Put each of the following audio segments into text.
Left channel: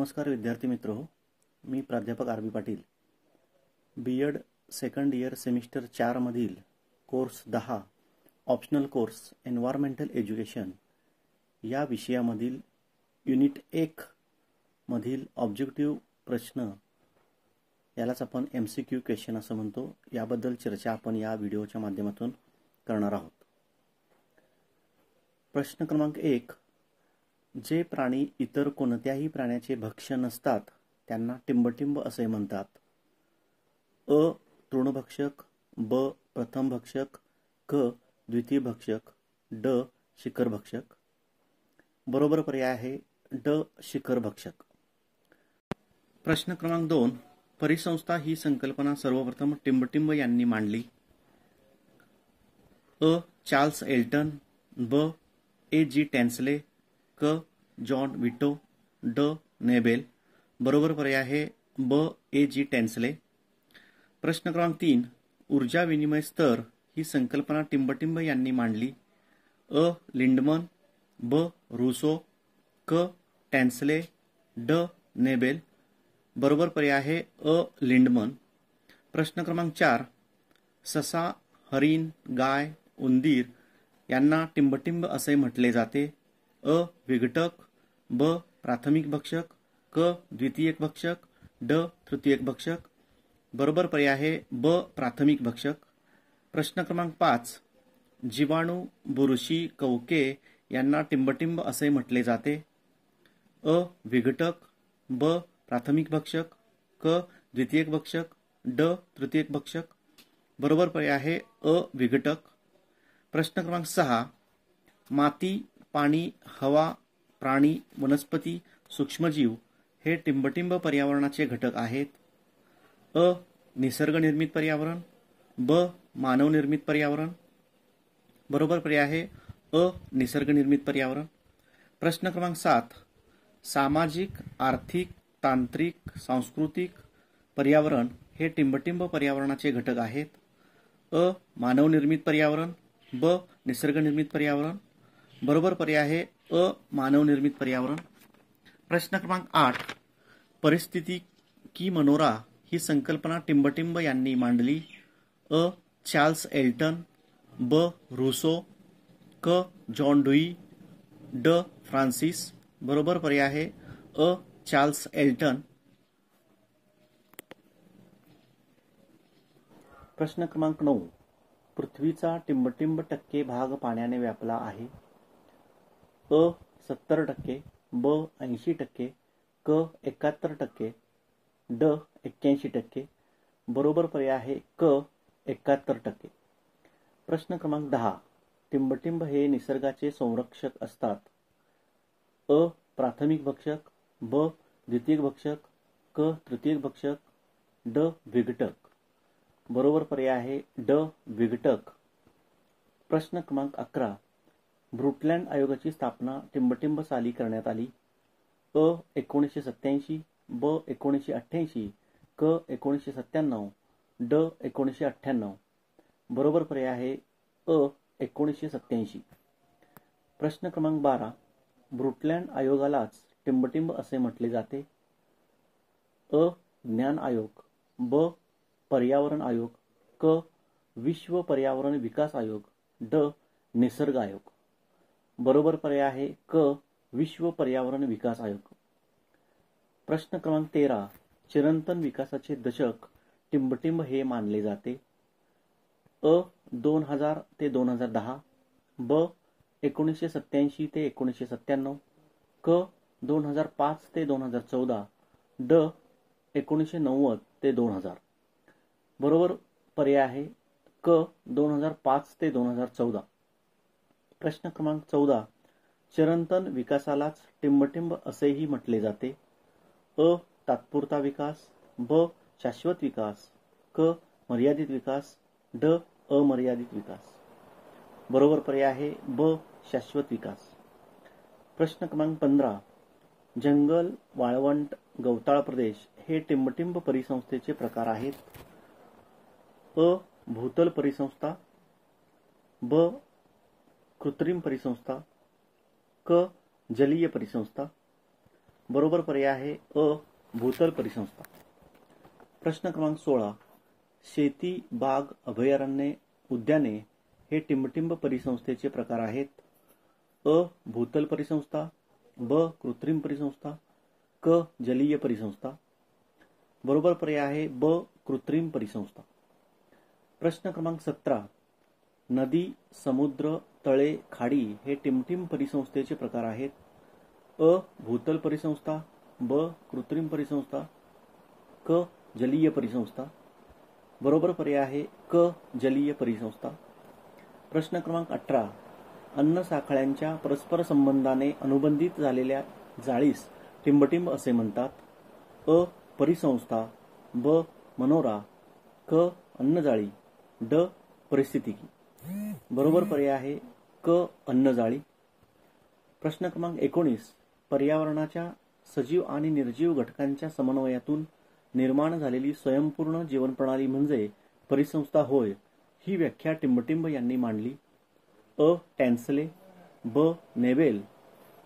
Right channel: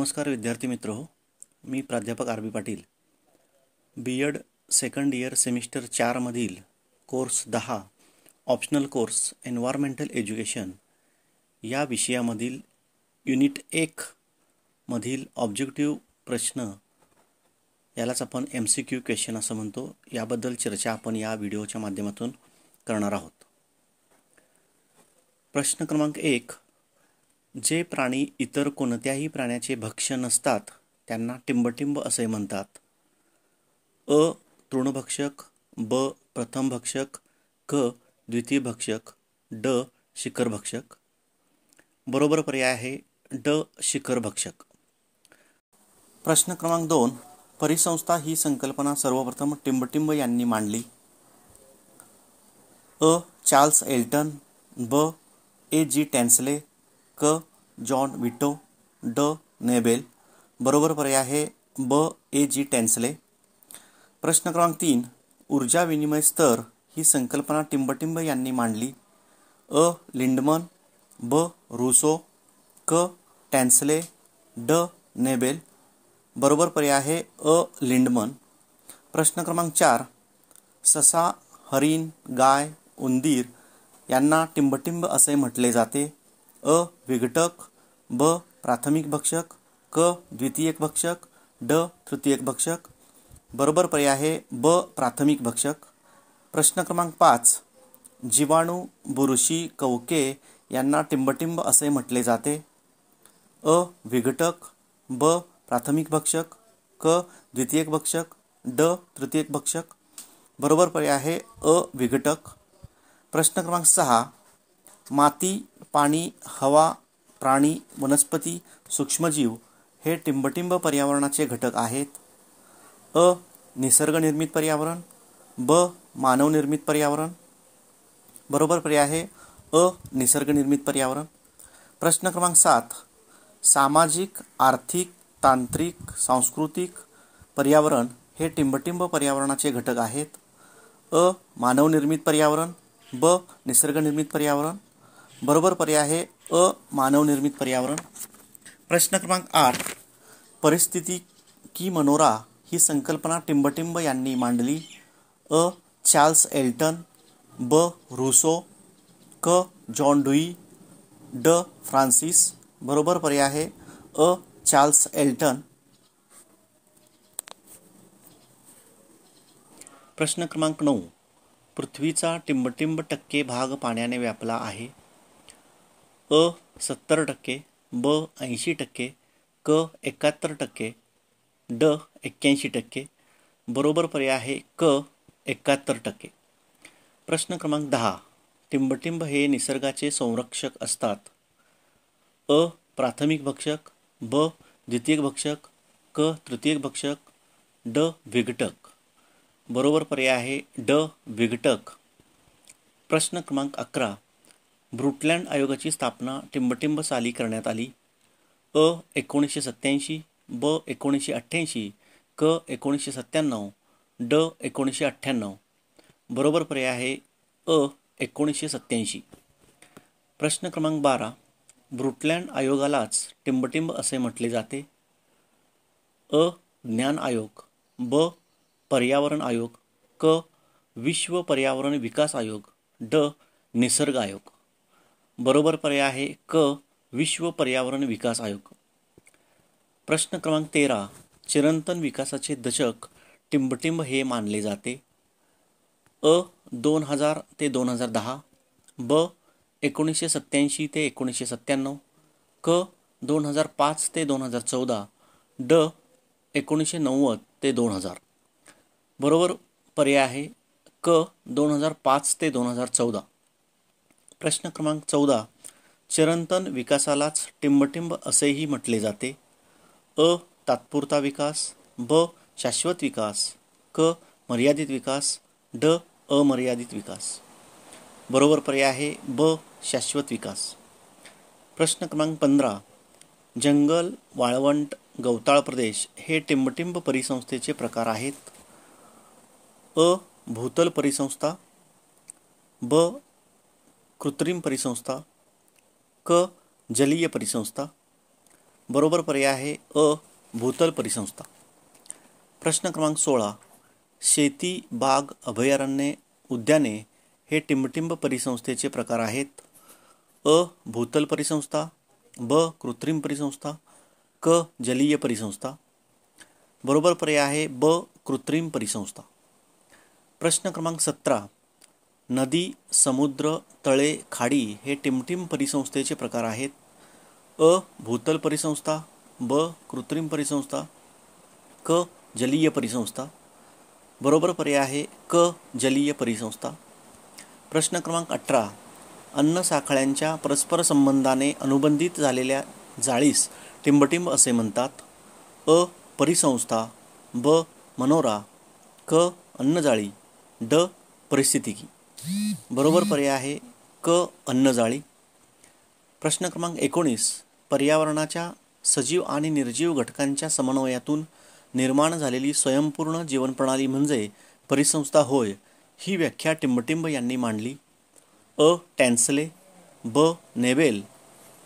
नमस्कार विद्यार्थी मित्र हो, मी प्राध्यापक R B Patil. B Ed second year semester 4 मधील course 10 optional course environmental education या विषयामधील युनिट 1 मधील ऑब्जेक्टिव्ह प्रश्न, यालाच आपण MCQ क्वेश्चन असं म्हणतो, याबद्दल चर्चा आपण या व्हिडिओच्या माध्यमातून करणार आहोत. प्रश्न क्रमांक 1. जे प्राणी इतर कोणत्याही प्राण्याचे भक्ष्य नसतात त्यांना टिंबटिंब असे म्हणतात. अ. तृणभक्षक, ब. प्रथमभक्षक, क. द्वितीयभक्षक, ड. शिखरभक्षक. बरोबर पर्याय आहे ड. शिखरभक्षक. प्रश्न क्रमांक 2. परिसंस्था ही संकल्पना सर्वप्रथम टिंबटिंब यांनी मांडली. अ. चार्ल्स एल्टन, ब. A.G. टॅन्सले, क. जॉन विटो, ड. नेबेल. बरोबर पर्याय आहे ब. A.G. टॅन्सले. प्रश्न क्रमांक 3. ऊर्जा विनिमय स्तर ही संकल्पना टिंबटिंब यांनी मांडली. अ. लिंडमन, ब. रुसो, क. टॅन्सले, ड. नेबेल. बरोबर पर्याय आहे अ. लिंडमन. प्रश्न क्रमांक 4. ससा, हरिण, गाय, उंदीर यांना टिंबटिंब असे म्हटले जाते. अ. विघटक, ब. प्राथमिक भक्षक, क. द्वितीयक भक्षक, ड. तृतीयक भक्षक. बरोबर पर्याय आहे ब. प्राथमिक भक्षक. प्रश्न क्रमांक 5. जीवाणू, बुरशी, कवके यांना टिंबटिंब असे म्हटले जाते. अ. विघटक, ब. प्राथमिक भक्षक, क. द्वितीयक भक्षक, ड. तृतीयक भक्षक. बरोबर पर्याय आहे अ. विघटक. प्रश्न क्रमांक 6. माती, पाणी, हवा, प्राणी, वनस्पती, सूक्ष्मजीव हे टिंबटिंब पर्यावरणाचे घटक आहेत. अ. निसर्गनिर्मित पर्यावरण, ब. मानवनिर्मित पर्यावरण. बरोबर पर्याय आहे अ. निसर्गनिर्मित पर्यावरण. प्रश्न क्रमांक 7. सामाजिक, आर्थिक, तांत्रिक, सांस्कृतिक पर्यावरण हे टिंबटिंब पर्यावरणाचे घटक आहेत. अ. मानवनिर्मित पर्यावरण, ब. निसर्गनिर्मित पर्यावरण. बरोबर पर्याय आहे अ. मानवनिर्मित पर्यावरण. प्रश्न क्रमांक 8. परिस्थितिकी मनोरा ही संकल्पना टिंबटिंब यांनी मांडली. अ. चार्ल्स एल्टन, ब. रुसो, क. जॉन ड्यूई, ड. फ्रान्सिस. बरोबर पर्याय आहे अ. Charles Elton. प्रश्न क्रमांक 9. पृथ्वीचा टिंबटिंब टक्के भाग पाण्याने व्यापला आहे. अ. 70%, ब. 80%, क. 71%, ड. 81%. बरोबर पर्याय आहे क. 71%. प्रश्न क्रमांक 10. टिंबटिंब हे निसर्गाचे संरक्षक असतात. अ. प्राथमिक भक्षक, ब. द्वितीयक भक्षक, क. तृतीयक भक्षक, ड. विघटक. बरोबर पर्याय आहे ड. विघटक. प्रश्न क्रमांक 11. ब्रुटलँड आयोगाची स्थापना टिंबटिंब साली करण्यात आली. अ. 1987, ब. 1988, क. 1997, ड. 1998. बरोबर पर्याय आहे अ. 1987. प्रश्न क्रमांक 12. ब्रुटलँड आयोगालाच टिंबटिंब असे म्हटले जाते. अ. ज्ञान आयोग, ब. पर्यावरण आयोग, क. विश्व पर्यावरण विकास आयोग, ड. निसर्ग आयोग. बरोबर पर्याय आहे क. विश्व पर्यावरण विकास आयोग. प्रश्न क्रमांक 13. चिरंतन विकासाचे दशक टिंबटिंब हे मानले जाते. अ. 2000 ते 2010, ब. 1987 ते 1997, क. 2005 ते 2014, ड. 1990 ते 2000. बरोबर पर्याय आहे क. 2005 ते 2014. प्रश्न क्रमांक 14. चिरंतन विकासालाच टिंबटिंब असेही म्हटले जाते. अ. तात्पुरता विकास, ब. शाश्वत विकास, क. मर्यादित विकास, ड. अमर्यादित विकास. बरोबर पर्याय आहे ब. शाश्वत विकास. प्रश्न क्रमांक 15. जंगल, वाळवंट, गवताळ प्रदेश हे टिंबटिंब परिसंस्थेचे प्रकार आहेत. अ. भूतल परिसंस्था, ब. कृत्रिम परिसंस्था, क. जलीय परिसंस्था. बरोबर पर्याय आहे अ भूतल परिसंस्था. प्रश्न क्रमांक 16. शेती, बाग, अभयारण्ये, उद्याने हे टिंबटिंब परिसंस्थेचे प्रकार आहेत. अ भूतल परिसंस्था, ब कृत्रिम परिसंस्था, क जलीय परिसंस्था. बरोबर पर्याय आहे ब कृत्रिम परिसंस्था. प्रश्न क्रमांक 17. नदी, समुद्र, तळे, खाडी हे टिंबटिंब परिसंस्थेचे प्रकार आहेत. अ भूतल परिसंस्था, ब कृत्रिम परिसंस्था, क जलीय परिसंस्था. बरोबर पर्याय आहे क जलीय परिसंस्था. प्रश्न क्रमांक 18. अन्न साखळ्यांच्या परस्पर संबंधाने अनुबंधित झालेल्या जाळीस टिंबटिंब असे म्हणतात. अ परिसंस्था, ब मनोरा, क अन्नजाळी, ड परिस्थितिकी. बरोबर पर्याय आहे क अन्नजाळी. प्रश्न क्रमांक 19. पर्यावरणाच्या सजीव आणि निर्जीव घटकांच्या समन्वयातून निर्माण झालेली स्वयंपूर्ण जीवनप्रणाली म्हणजे परिसंस्था होय, ही व्याख्या टिंबटिंब यांनी मांडली. अ टॅन्सले, ब नेबेल,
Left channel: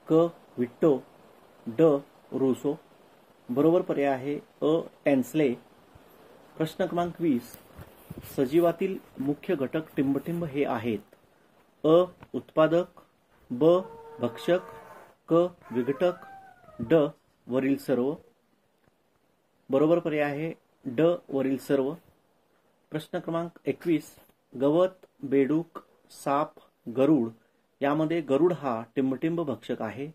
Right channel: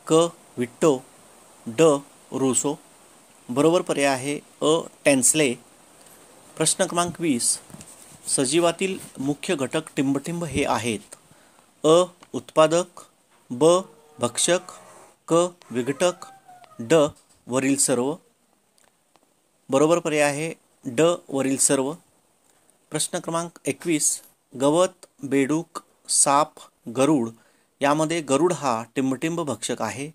क विट्टो, ड रूसो. बरोबर पर्याय आहे अ टॅन्सले. प्रश्न क्रमांक 20. सजीवातील मुख्य घटक टिंबटिंब हे आहेत. अ उत्पादक, ब भक्षक, क विघटक, ड वरील सर्व. बरोबर पर्याय आहे ड वरील सर्व. प्रश्न क्रमांक 21. गवत, बेडूक, साप, गरुड यामध्ये गरुड हा टिंबटिंब भक्षक आहे.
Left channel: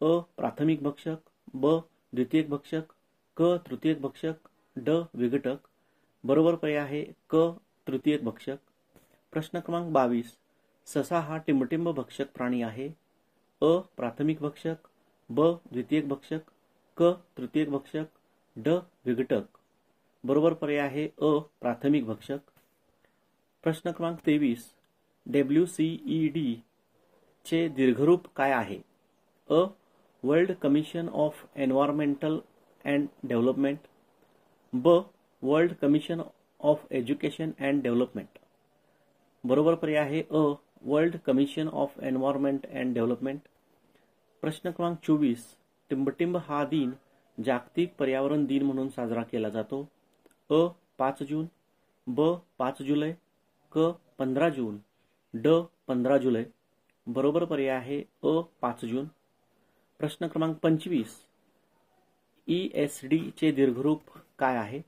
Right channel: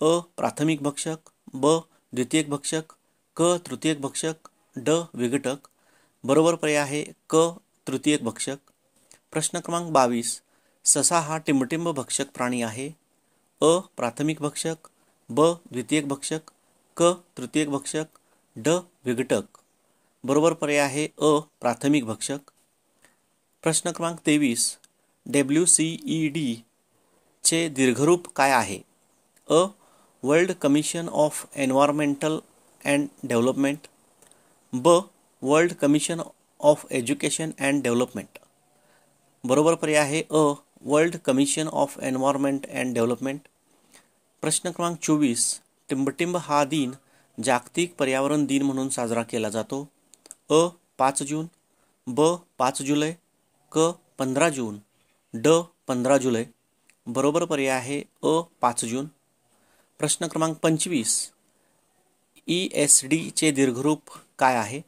अ प्राथमिक भक्षक, ब द्वितीयक भक्षक, क तृतीयक भक्षक, ड विघटक. बरोबर पर्याय आहे क तृतीयक भक्षक. प्रश्न क्रमांक 22. ससा हा टिंबटिंब भक्षक प्राणी आहे. अ प्राथमिक भक्षक, ब द्वितीयक भक्षक, क तृतीयक भक्षक, ड विघटक. बरोबर पर्याय आहे अ प्राथमिक भक्षक. प्रश्न क्रमांक 23. WCED चे दीर्घरूप काय आहे. अ world commission of environmental and development, ब world commission of education and development. बरोबर पर्याय आहे अ world commission of environment and development. प्रश्न क्रमांक 24. टिंबटिंब हा दिन जागतिक पर्यावरण दिन म्हणून साजरा केला जातो. अ 5 जून, ब 5 जुलै, क 15 जून, ड 15 जुलै. बरोबर पर्याय आहे अ 5 जून. प्रश्न क्रमांक 25. ESD चे दीर्घरूप काय आहे.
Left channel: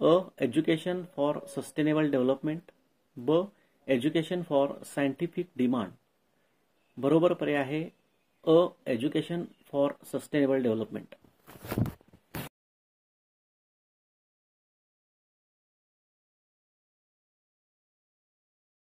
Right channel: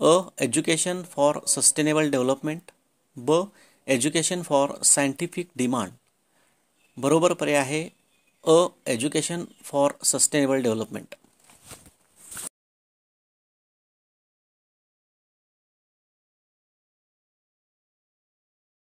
अ एज्युकेशन फॉर सस्टेनेबल डेव्हलपमेंट, ब एज्युकेशन फॉर सायंटिफिक डिमांड. बरोबर पर्याय आहे अ एज्युकेशन फॉर सस्टेनेबल डेव्हलपमेंट.